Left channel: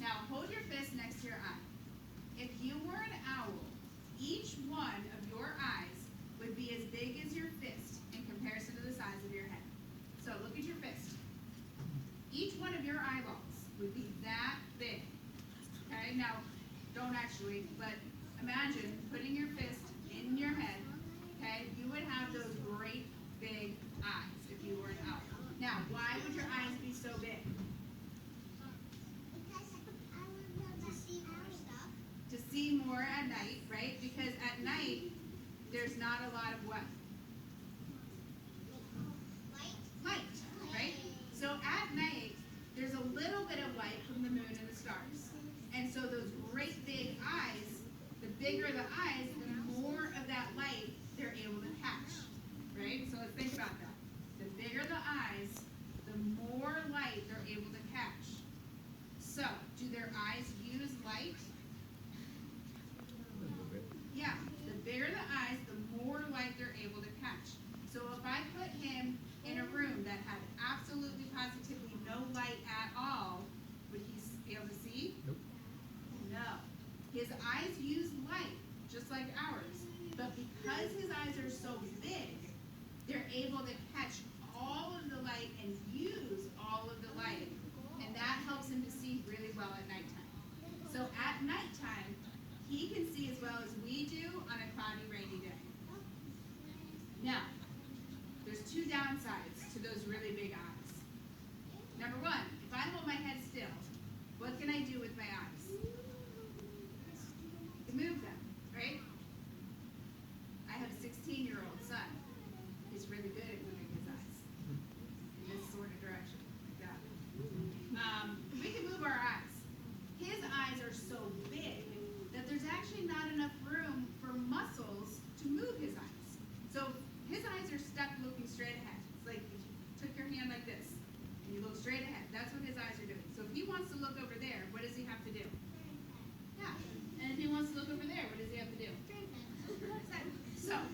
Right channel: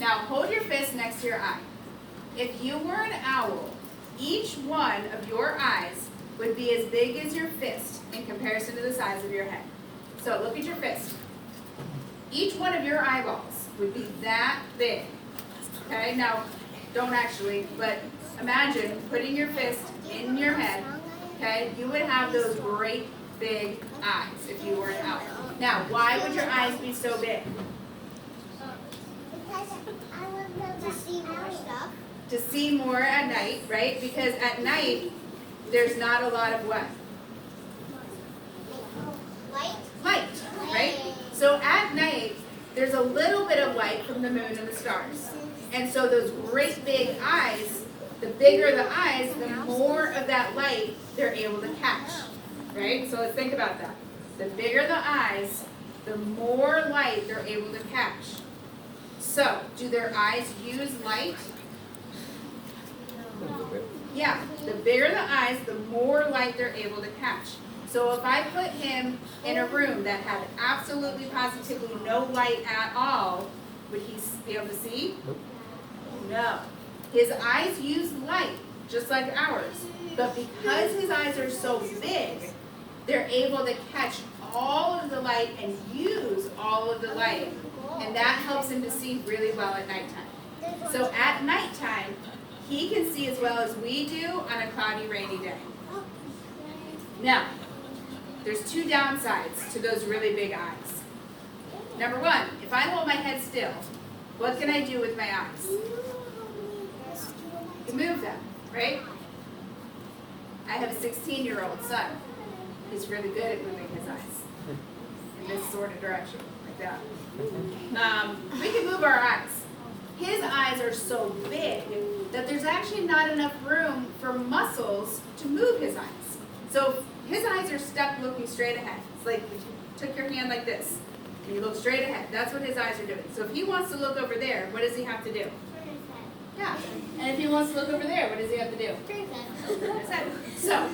Now hold your fist next to your eye. If you were an owl, each one of your eyes would be as big as your fist in comparison to the size of your head. So look at your fist. Each one of your eyeballs would be that big. Okay, now don't actually, but imagine putting your fist in your head. Okay, you would have those great big eyes if you were an owl. Now, why would your eyes be so big? Because I would be able to see more stuff. To see more at night, right? Because at night, there's not a lot of what? Light? Light, right? So at night, there's a little bit of light from the moon and the stars. And so those great big eyes, the bigger the eyes, the more of that light they're able to catch, right? So let's think about that. The bigger the eyes, the more light they're able to catch. So, do their eyes use light? Yeah, the bigger the eyes, the more light they're able to catch. So if I put him in a room that had absolutely positively no light at all, would he be able to see? No. His eyes use light, just like ours. But because his eyes are so big, they're able to catch all of the light and use all of the light. And that helps him to see really well at nighttime. So at nighttime, he can see as well as we do on a cloudy, rainy day. Now, there's two downsides to those really big eyes. Number one, if I hold my head still, what can I do with my eyes? I can move them, right? I have a 16-year-old son. He's really good at moving his eyes in this sort of direction, like that. We can move our eyes. His eyes are so big that there's actually not enough room for muscles to move his eyes. So his eyes are stuck looking straight ahead. It's like if you took your hand like this and you look straight ahead. That's what his eyes are doing. So if he wants to look over there, what does he have to do? Yeah. And if he wants to look over there, what does he have to do? Turn his head. So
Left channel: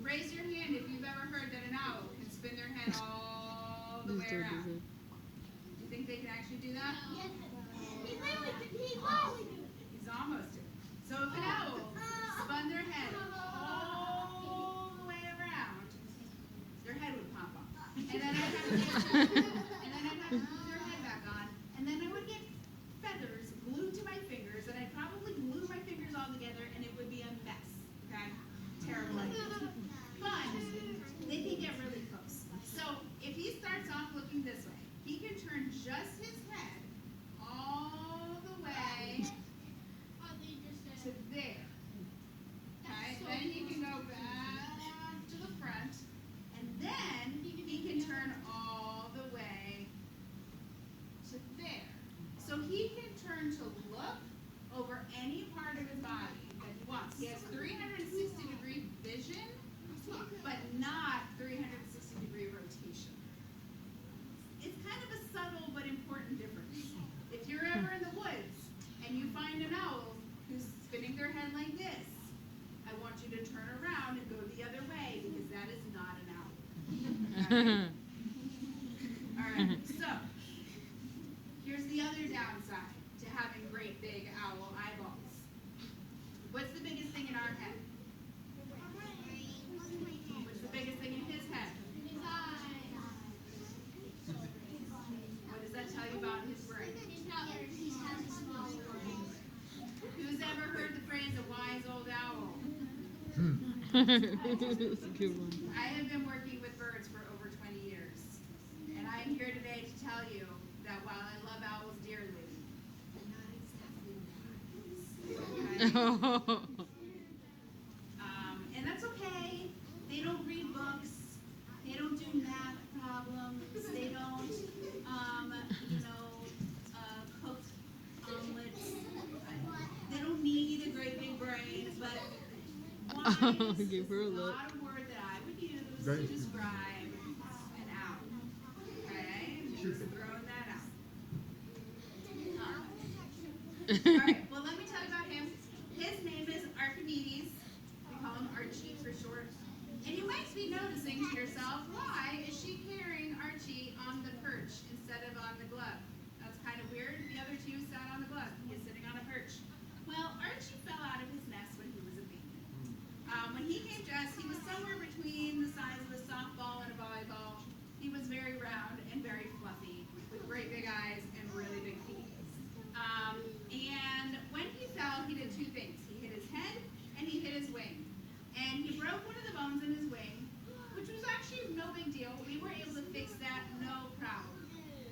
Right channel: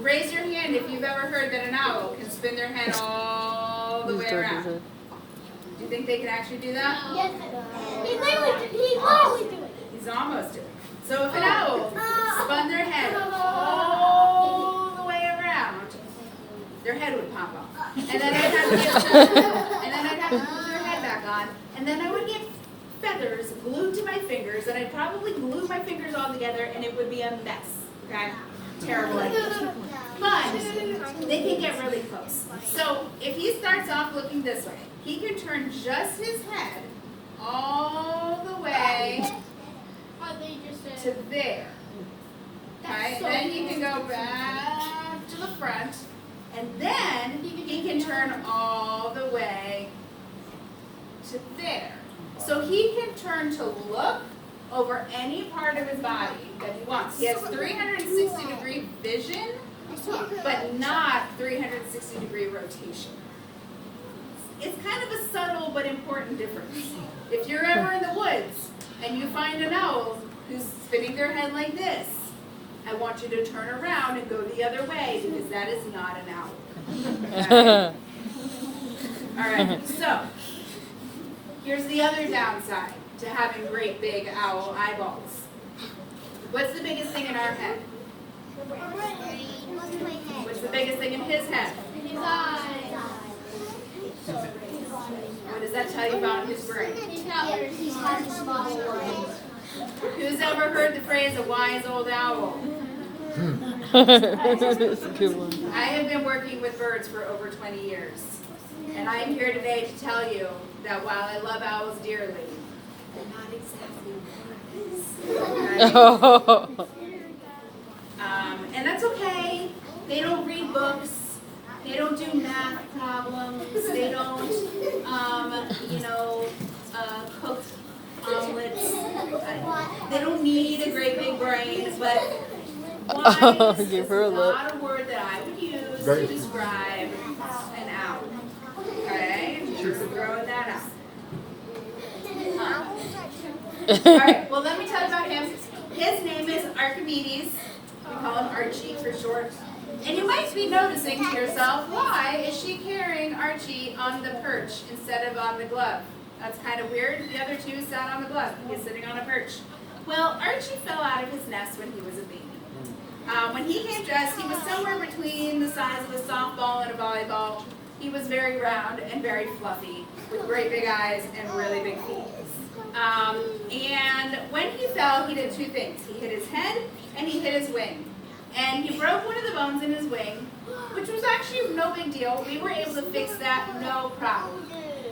raise your hand if you've ever heard that an owl can spin their head all the way around. Do you think they can actually do that? Yes. He's always doing it. He's almost doing it. So if an owl spun their head all the way around, their head would pop off. And then I'd have to put their head back on. And then I would get feathers glued to my fingers, and I'd probably glue my fingers all together, and it would be a mess. Okay? Terrible idea. But they can get really close. So if he starts off looking this way, he can turn just his head all the way to there. Okay? Then he can go back to the front, and then he can turn all the way to there. So he can turn to look over any part of his body that he wants. He has 360-degree vision, but not 360-degree rotation. It's kind of a subtle but important difference. If you're ever in the woods and you find an owl who's spinning their head like this, I want you to turn around and go the other way because that is not an owl. Okay? All right, so here's the other downside to having great big owl eyeballs. What's the biggest thing in our head? What's the biggest thing in his head? His eyes. What does that tell you about his brain? He's got a small world. Who's ever heard the phrase, a wise old owl? That's a good one. I have been working with birds for over 20 years. And I am here today to tell you that while I love owls dearly, they're not exactly wise. And that's okay. They don't read books. They don't do math problems. They don't, cook omelets. They don't need a great big brain, but wise is Give her a look. not a word that I would use to describe an owl. Okay? Just throwing that out. All right, well, let me tell you about him. His name is Archimedes. We call him Archie for short. And you might be noticing to yourself, why is she carrying Archie on the perch instead of on the glove? That's kind of weird. The other two sat on the glove. He's sitting on a perch. Well, Archie fell out of his nest when he was a baby. When he came to us, he was somewhere between the size of a softball and a volleyball. He was very round and very fluffy, with great big eyes and really big feet. And when he fell, he did two things. He hit his head and he hit his wing. And he broke one of the bones in his wing, which was actually no big deal. We were able to fix that, no problem.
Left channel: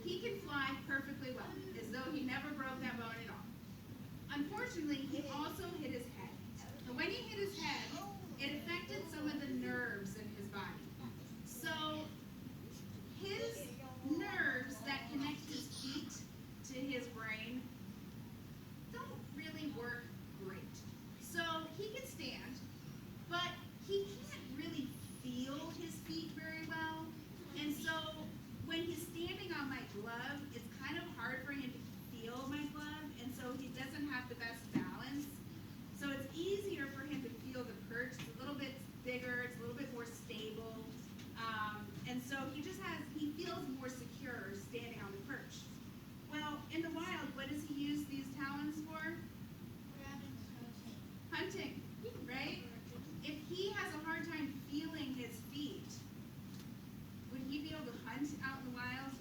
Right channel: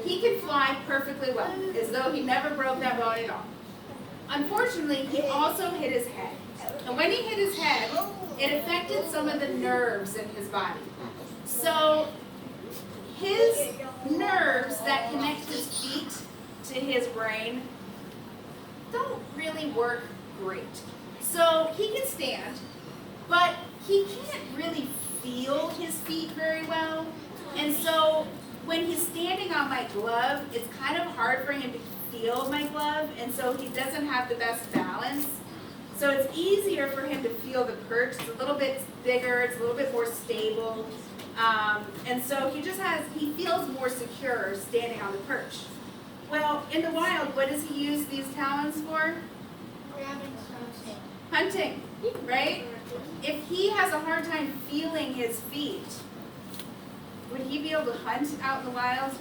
He could fly perfectly well, as though he never broke that bone at all. Unfortunately, he also hit his head. And when he hit his head, it affected some of the nerves in his body. So his nerves that connect his feet to his brain don't really work great. So he can stand, but he can't really feel his feet very well. And so when he's standing on my glove, it's kind of hard for him to feel my glove, and so he doesn't have the best balance. So it's easier for him to feel the perch. It's a little bit bigger, it's a little bit more stable. And so he feels more secure standing on the perch. Well, in the wild, what does he use these talons for? Hunting, right? If he has a hard time feeling his feet, would he be able to hunt out in the wild?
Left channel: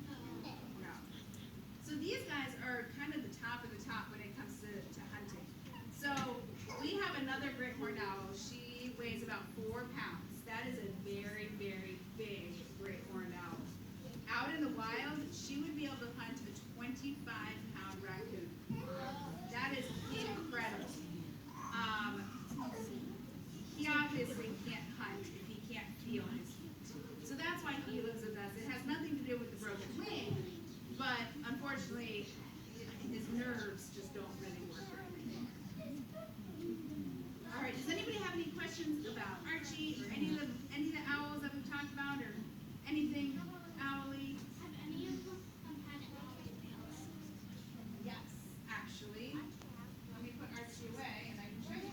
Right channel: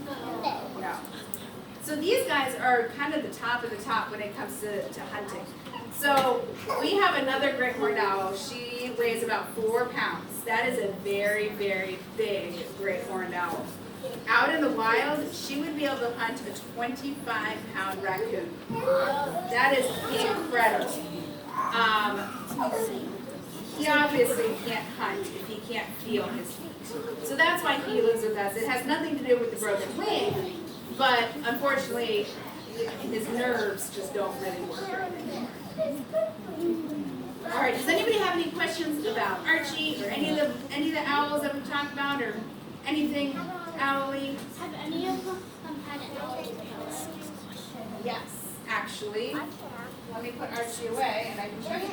No. So these guys are kind of the top of the top when it comes to hunting. So we have another great horned owl. She weighs about 4 pounds. That is a very, very big great horned owl. Out in the wild, she would be able to hunt a 25-pound raccoon. That is incredible. He obviously can't hunt if he can't feel his feet. So that's why he lives with us. It has nothing to do with the broken wing, but unfortunately, his nerves just don't really work right anymore. All right, does anybody have any questions about Archie or any of the owls that we've talked about, or anything owly? Have any of them had owls? Yes, actually. Let me put Archie away and I can show you.